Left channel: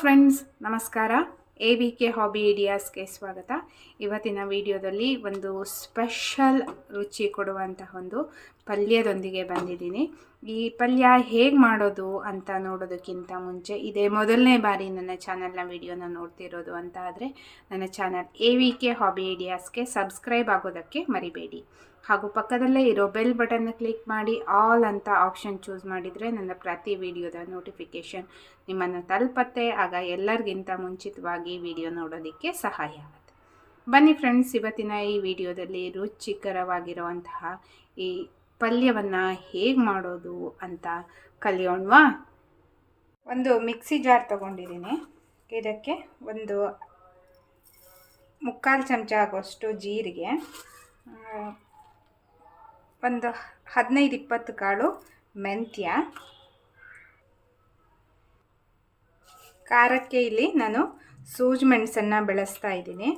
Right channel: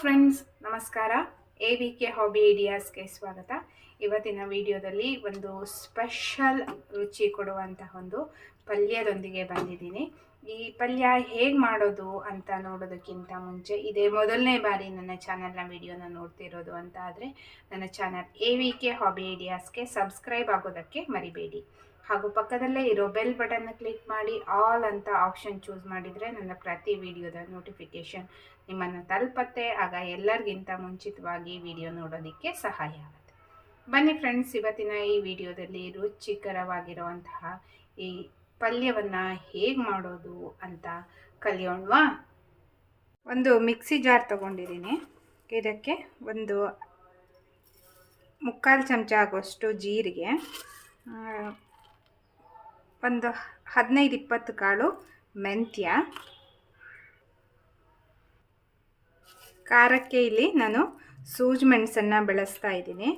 Friends ನಮಸ್ಕಾರ. A V K hobby ಐಡಿಯಾಸ್ಗೆ ಸ್ವಾಗತ. ಇವತ್ತಿನ ವಿಡಿಯೋದಲ್ಲಿ ಒಂದು ಸ್ಪೆಷಲ್ ರುಚಿ ಕೊಡುವಂತಹ ಒಂದು ಪಲ್ಯದೊಂದಿಗೆ ಬಂದಿದ್ದೀನಿ. ಈ ಪಲ್ಯ ಹೇಗೆ ಮಾಡೋದು ಅಂತ ನೋಡೋದಕ್ಕಿಂತ ಮುಂಚೆ ಇದೇ ಮೊದಲನೇ ಬಾರಿ ನನ್ನ ಚಾನಲ್ನ ವಿಡಿಯೋನ ನೋಡ್ತಿರೋದು ಅಂತ ಆದರೆ, ನನ್ನ channel A V K hobby ಐಡಿಯಾಸ್ಗೆ subscribe ಆಗೋದಕ್ಕೆ ಮರಿಬೇಡಿ. ಹಾಗೂ ಪಕ್ಕದಲ್ಲೇ ಇರೋ ಬೆಲ್ ಬಟನ್ನ ಕ್ಲಿಕ್ ಮಾಡಿ ಆಲ್ ಅಂತ ಆಪ್ಷನ್ ಚೂಸ್ ಮಾಡಿದರೆ ನನ್ನ ಪ್ರತಿ ವಿಡಿಯೋದ ನೋಟಿಫಿಕೇಷನ್ ನಿಮ್ಮನ್ನು ತಲುಪತ್ತೆ. ಆಗ ಎಲ್ಲರಿಗಿಂತ ಮುಂಚಿತವಾಗಿ ವಿಡಿಯೋ ನೋಡೋದಕ್ಕೆ ಸಹಾಯ ಆಗುತ್ತೆ. ಬನ್ನಿ ಫ್ರೆಂಡ್ಸ್, ಇವತ್ತಿನ ಈ ವಿಡಿಯೋದಲ್ಲಿ ರುಚಿಕರವಾಗಿರುವಂತಹ ಈ ಪಲ್ಯವನ್ನು ಹೇಗೆ ಮಾಡೋದು ಅಂತ ಕಲಿಯೋಣವಾ? ಒಂದು ಮಿಕ್ಸಿ ಜಾರ್ ತೊಗೊಂಡಿದ್ದೀನಿ. ಇದಕ್ಕೆ ಒಂದು ಮುಕ್ಕಾಲು ಚಮಚ ಆಗೋಷ್ಟು ಜೀರಿಗೆ ಒಂದು ಹದಿನೈದು ಇಪ್ಪತ್ತು ಕಾಳು ಮೆಂತ್ಯ. ಖಾರಕ್ಕೆ ಇಲ್ಲಿ ನಾನು ಸೂಜಿ ಮೆಣಸನ್ನು ಬೆಳೆಸ್ತಾ ಇದ್ದೀನಿ.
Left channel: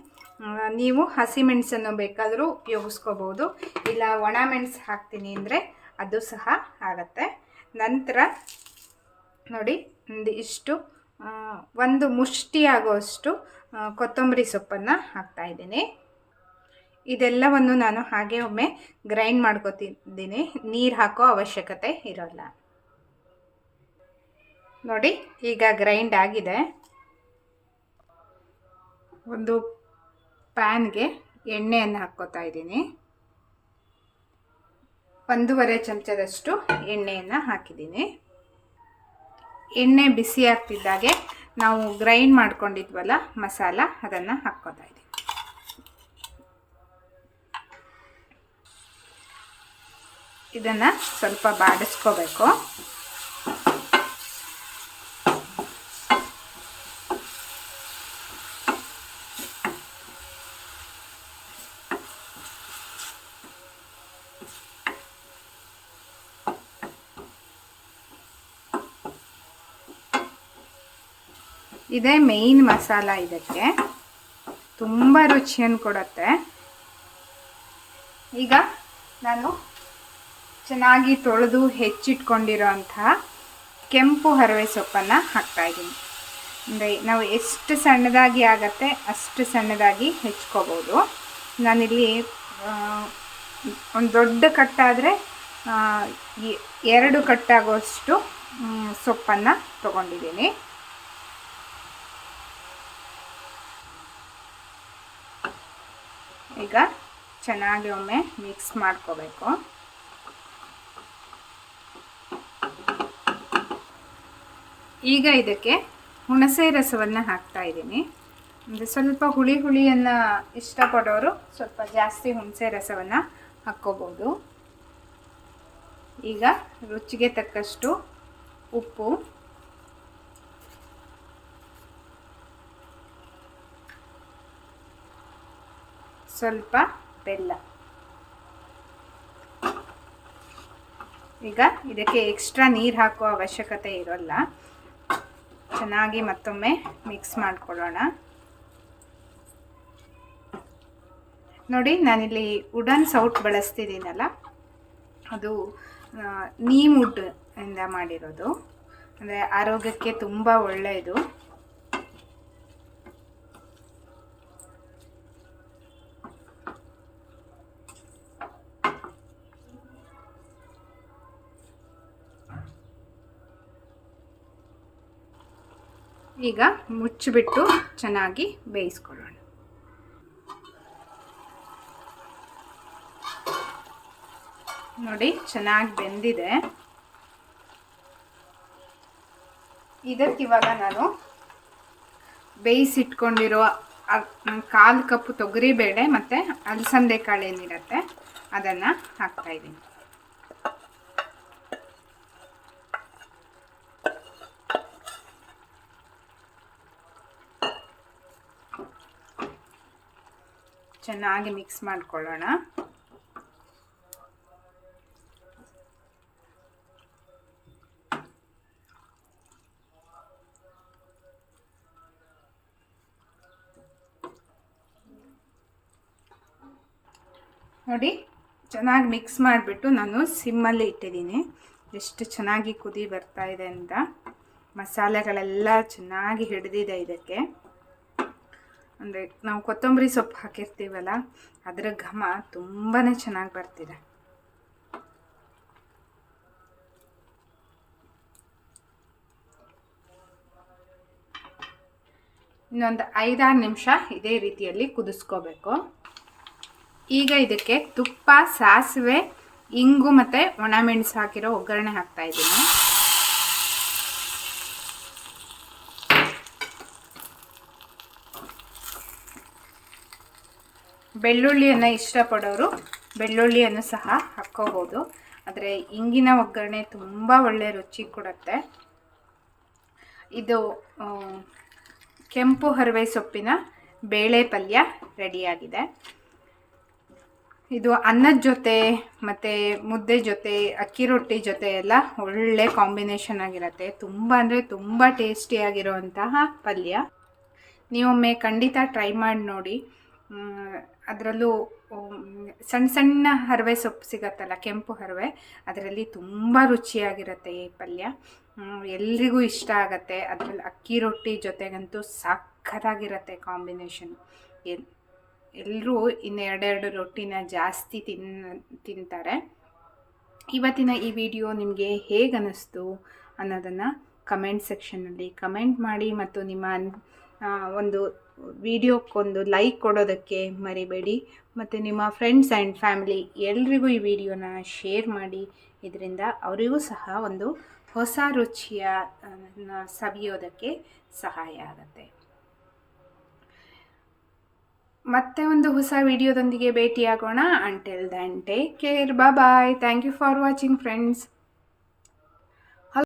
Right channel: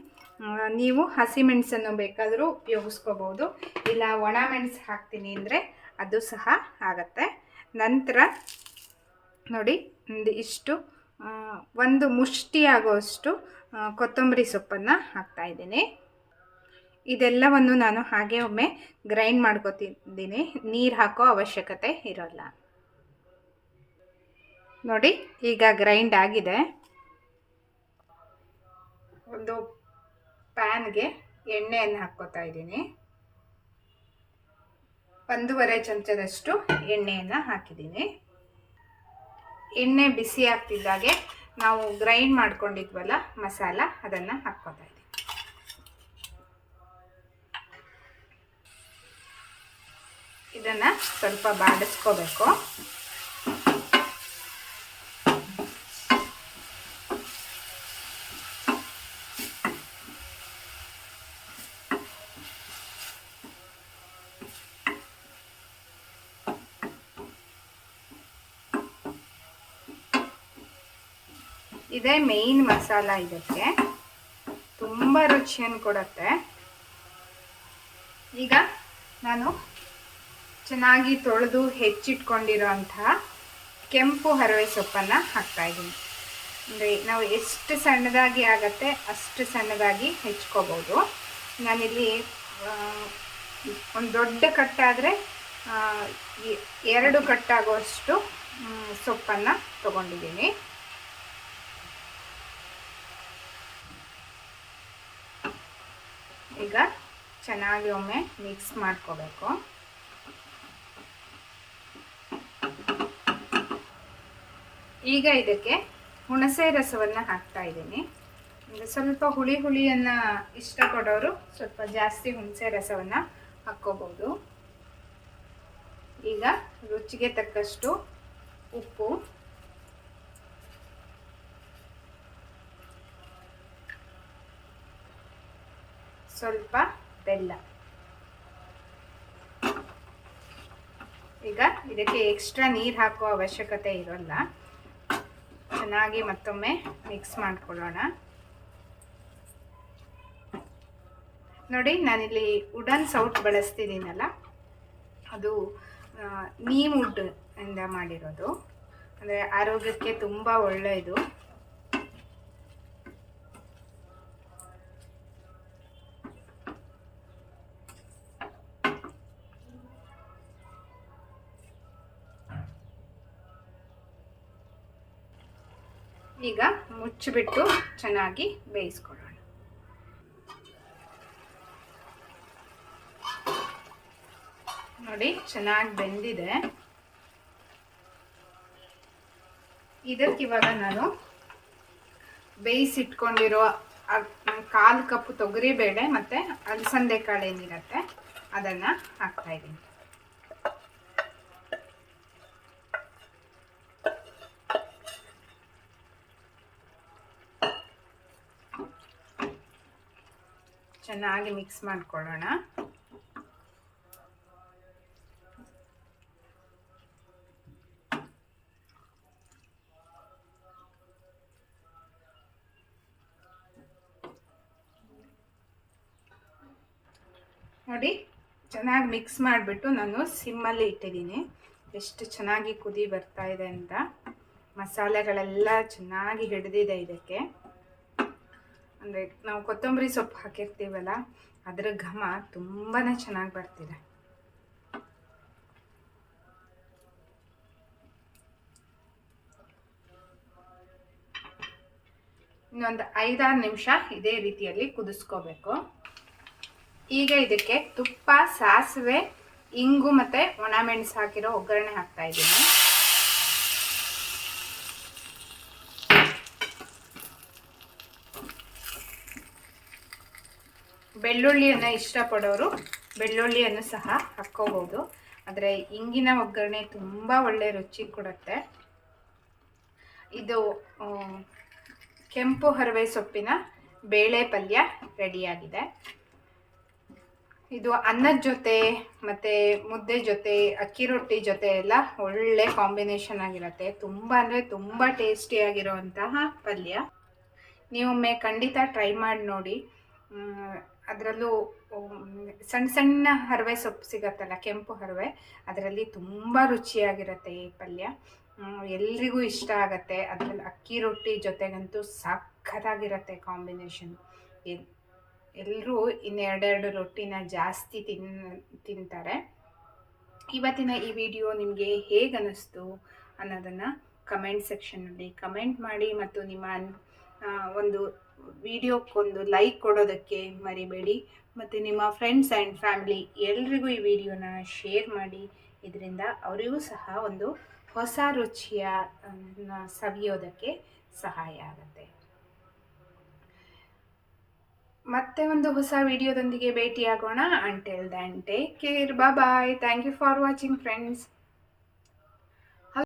ನೀವು ಹಸಿ ಮೆಣಸನ್ನು ಬೇಕಾದರೂ ಉಪಯೋಗಿಸ್ಕೋಬೋದು. ಇಲ್ಲ ಒಣ ಮೆಣಸು ಹಾಕ್ತೀನಿ ಅಂದರೆ ಅದು ಸಹ ಆಗತ್ತೆ. ನಂತರ ನೋಡಿ ಒಂದು ಇಷ್ಟು ಒಂದು ಮುಷ್ಟಿ ಆಗೋಷ್ಟು ಆ, ಕೊತ್ತಂಬರಿ ಸೊಪ್ಪನ್ನು ಹಾಕ್ತಾಯಿದ್ದೀನಿ ಇದೆಲ್ಲವನ್ನು ನಾನು ಹಾಗೆ ಒಮ್ಮೆ ಗ್ರೈಂಡ್ ಮಾಡ್ಕೋತಿದ್ದೀನಿ. ನೀರು ಹಾಕೋ ಅವಶ್ಯಕತೆ ಇರೋಲ್ಲ. ನೋಡಿ, ಈಗ ಗ್ರೈಂಡ್ ಆಗಿದೆ. ಒಂದು ಪ್ಯಾನ್ಗೆ ಎಣ್ಣೆಯನ್ನು ಹಾಕ್ಕೋತಾ ಇದ್ದೀನಿ. ಒಂದೂವರೆ ಚಮಚದಷ್ಟು ಎಣ್ಣೆಯನ್ನು ಹಾಕಿದ್ದೀನಿ. ಎಣ್ಣೆ ಬಿಸಿ ಆಗ್ತಿದ್ದಾಗೆ ನಾವು ಗ್ರೈಂಡ್ ಮಾಡ್ಕೊಂಡಿದ್ವಲ್ಲ ಮಸಾಲ, ಅದನ್ನು ಹಾಕ್ಕೋತಾ ಇದ್ದೀನಿ ಇದನ್ನು ಸ್ವಲ್ಪ ಬಾಡಿಸ್ಕೋಬೇಕು. ಇದೇ ಮೇಯ್ನ್ ಮಸಾಲ ಇದಕ್ಕೆ. ತುಂಬ ರುಚಿಯನ್ನು ಕೊಡುತ್ತೆ. ಈಗ ನಾನು ಚೆನ್ನಾಗಿ ತೊಳೆದು ಹೆಚ್ಚಿಟ್ಕೊಂಡಿರೋಂತಹ ಕೆಂಪು ಹರವೆ ಸೊಪ್ಪನ್ನು ಹಾಕ್ತಾಯಿದ್ದೀನಿ ಅಂದರೆ ನಾವು ಎಷ್ಟು ಸಣ್ಣದಾಗಿ ಆಗತ್ತೆ ಅಷ್ಟು ಸಣ್ಣದಾಗಿ ಹೆಚ್ಕೋಬೋದು. ನಾನಿಲ್ಲಿ ಒಂದು ದೊಡ್ಡ ಕಟ್ಟಾದರೆ ಎರಡು ಕಟ್ಟಾಗುವಷ್ಟು ಸೊಪ್ಪನ್ನು ತೊಗೊಂಡಿದ್ದೀನಿ. ಈಗ ಚೆನ್ನಾಗಿ ಒಮ್ಮೆ ಮಿಕ್ಸ್ ಮಾಡ್ಕೋಬೇಕು. ಈಗ ಇದಕ್ಕೆ ಹುಣಸೆ ರಸವನ್ನು ಹಾಕ್ತಾ ಇದ್ದೀನಿ. ಅಂದರೆ ಸ್ವಲ್ಪ ಹುಳಿ ಹುಳಿಯನ್ನು ಇಷ್ಟಪಡೋರು ಸ್ವಲ್ಪ ಜಾಸ್ತಿ ಹುಣಸೆ ರಸವನ್ನು ಹಾಕ್ಕೋಬೋದು. ಈಗ ರುಚಿಗೆ ತಕ್ಕಷ್ಟು ಉಪ್ಪು. ಸ್ವಲ್ಪ ಬೆಲ್ಲ. ಈಗ ಇದಕ್ಕೆ ಎಕ್ಸ್ಟ್ರಾ ನೀರು ಹಾಕುವ ಅವಶ್ಯಕತೆ ಇರೋಲ್ಲ. ಚೆನ್ನಾಗಿ ಮತ್ತೊಮ್ಮೆ ಮಿಕ್ಸ್ ಮಾಡ್ಕೊಳ್ಳೋಣ. ನೋಡಿ, ನಾನಿಲ್ಲಿ ವುಡನ್ ಸೌಟ್ ಬಳಸ್ತಿದ್ದೀನಲ್ಲ, ಅದು ನೀಮ್ ವುಡ್ ಇಂದ ಮಾಡಿರೋದು. ಅಂದರೆ ಆರೋಗ್ಯಕ್ಕೆ ತುಂಬ ಒಳ್ಳೆಯದು. ಈಗ ಮುಚ್ಚಿಬಿಟ್ಟು ಚೆನ್ನಾಗಿ ಬೇಯಿಸ್ಕೊಳ್ಳೋಣ. ನೋಡಿ, ಚೆನ್ನಾಗಿ ಬೆಂದಿದೆ. ಇದಕ್ಕಿವಾಗ ನಾನು ಬೇಯಿಸಿಟ್ಕೊಂಡಿರೋ ಕಾಲು ಕಪ್ಪು ತೊಗರಿಬೇಳೆ ಮತ್ತು ಅಲಸಂದೆ ಕಾಳು ಏನಿರುತ್ತೆ ಅದನ್ನು ಹಾಕ್ತಾಯಿದ್ದೀನಿ ಚೆನ್ನಾಗಿ ಮಿಕ್ಸ್ ಮಾಡಿಕೊಳ್ಳೋಣ. ನೋಡಿ, ಚೆನ್ನಾಗಿ ಮಿಕ್ಸ್ ಮಾಡಿಬಿಟ್ಟು ನಾನು ಸಿಮ್ಮಲ್ಲಿ ಇಟ್ಟಿದ್ದೀನಿ. ಎಷ್ಟು ಚೆನ್ನಾಗಿ ಕುದಿ ಬರ್ತಾ ಇದೆ ಅಂತ. ಮಸಾಲೆಗಳೆಲ್ಲ ಚೆನ್ನಾಗಿ ಹಿಡಿದಿದೆ ಇದಕ್ಕೆ. ಅಂದರೆ ನಾವು ಕೊತ್ತಂಬರಿ ಸೊಪ್ಪು ಹಾಕಿರ್ತೀವಲ್ಲ, ಅದರ ಘಮ ತುಂಬಾ ಚೆನ್ನಾಗಿ ಬರ್ತಿದೆ. ಇನ್ನೊಂದು ಐದಾರು ನಿಮಿಷ ಇದೇ ರೀತಿಯಲ್ಲಿ ಕುದಿಸ್ಕೋಬೇಕು. ಈಗ ಇದಕ್ಕೆ ತುಪ್ಪ, ಸಾಸಿವೆ, ಇಂಗು ಮತ್ತು ಒಣಮೆಣಸು ಹಾಕಿರೋ ಒಗ್ಗರಣೆ ಹಾಕ್ತಾ ಇದ್ದೀನಿ. ಬೆಳ್ಳುಳ್ಳಿಯನ್ನು ಇಷ್ಟಪಡೋರು ಬೆಳ್ಳುಳ್ಳಿಯನ್ನು ಸಹ ಹಾಕ್ಕೋಬೋದು ಆದರೆ ಇಂಗಿನ ಒಗ್ಗರಣೆ ತುಂಬ ಒಳ್ಳೆ ರುಚಿ ಕೊಡುತ್ತೆ. ಇದು ಕೆಂಪು ಹರವೆ ಸೊಪ್ಪಿನ ಬೇಳೆ ಪಲ್ಯ ರೆಡಿಯಾಗಿದೆ. ಇದು ಅನ್ನದ ಜೊತೆ ಮತ್ತು ಮುದ್ದೆ ಜೊತೆ, ಅಕ್ಕಿ ರೊಟ್ಟಿ ಜೊತೆ ಎಲ್ಲ ಒಳ್ಳೆ ಕಾಂಬಿನೇಷನ್ ಆಗಿರುತ್ತೆ. ತುಂಬ ಅಂದರೆ ತುಂಬ ಟೇಸ್ಟಿಯಾಗಿರುವಂತಹ ಪಲ್ಯ. ನೀವೊಮ್ಮೆ ಖಂಡಿತ ಟ್ರೈ ಮಾಡಿ ನೋಡಿ. ಅದರಲ್ಲೂ ಸಣ್ಣ ಸಣ್ಣ ಹರವೆ ಸೊಪ್ಪು ಸಿಗತ್ತಲ್ಲ, ಕೆಂಪು ಹರವೆ, ಅದರಲ್ಲಿ ತುಂಬ ರುಚಿಯಾಗಿರುತ್ತೆ ಈ ಪಲ್ಯ. ಎಲ್ರಿಗೂ ಇಷ್ಟ ಆಗತ್ತೆ. ಅದರಲ್ಲಿ ಅಕ್ಕಿ ರೊಟ್ಟಿ ಜೊತೆಗಂತೂ ಸಖತ್ತಾಗಿರುತ್ತೆ ಕಾಂಬಿನೇಷನ್. ಎಲ್ಲರೂ ಇನ್ನೆರಡೆರಡು ರೊಟ್ಟಿನ ಜಾಸ್ತಿ ತಿನ್, ತಿಂತಾರೆ. ಇವತ್ತಿನ ಈ ವಿಡಿಯೋ ನಿಮಗೆ ಹೇಗೆ ಅನ್ನಿಸ್ತು ಅನ್ನೋದನ್ನು ಕಮೆಂಟ್ ಸೆಕ್ಷನ್ನಲ್ಲಿ ಕಮೆಂಟ್ ಮಾಡಿ ಮತ್ತು ನಿಮ್ಮ ಒಂದು ವಿಡಿಯೋಕ್ಕೊಂದು ಲೈಕ್ ಕೊಡೋದಕ್ಕೆ ಮರಿಬೇಡಿ. ಮತ್ತು ನಿಮ್ಮ ಫ್ರೆಂಡ್ಸ್ ಆ್ಯಂಡ್ ಫ್ಯಾಮಿಲಿ ಎಲ್ರಿಗೂ ಈ ವಿಡಿಯೋನ ಶೇರ್ ಮಾಡಿ. ಇದರಿಂದ ಅವರಿಗೂ ಸಹ ಒಂದು ಹೊಸ ರುಚಿಯ ಸವಿಯೋದಕ್ಕೆ ಸಹಾಯ ಆಗುತ್ತೆ. ಮತ್ತೆ ಒಂದು ಹೊಸ ವಿಡಿಯೋದೊಂದಿಗೆ ಭೇಟಿಯಾಗೋಣ. Until then take care bye thank you for watching friends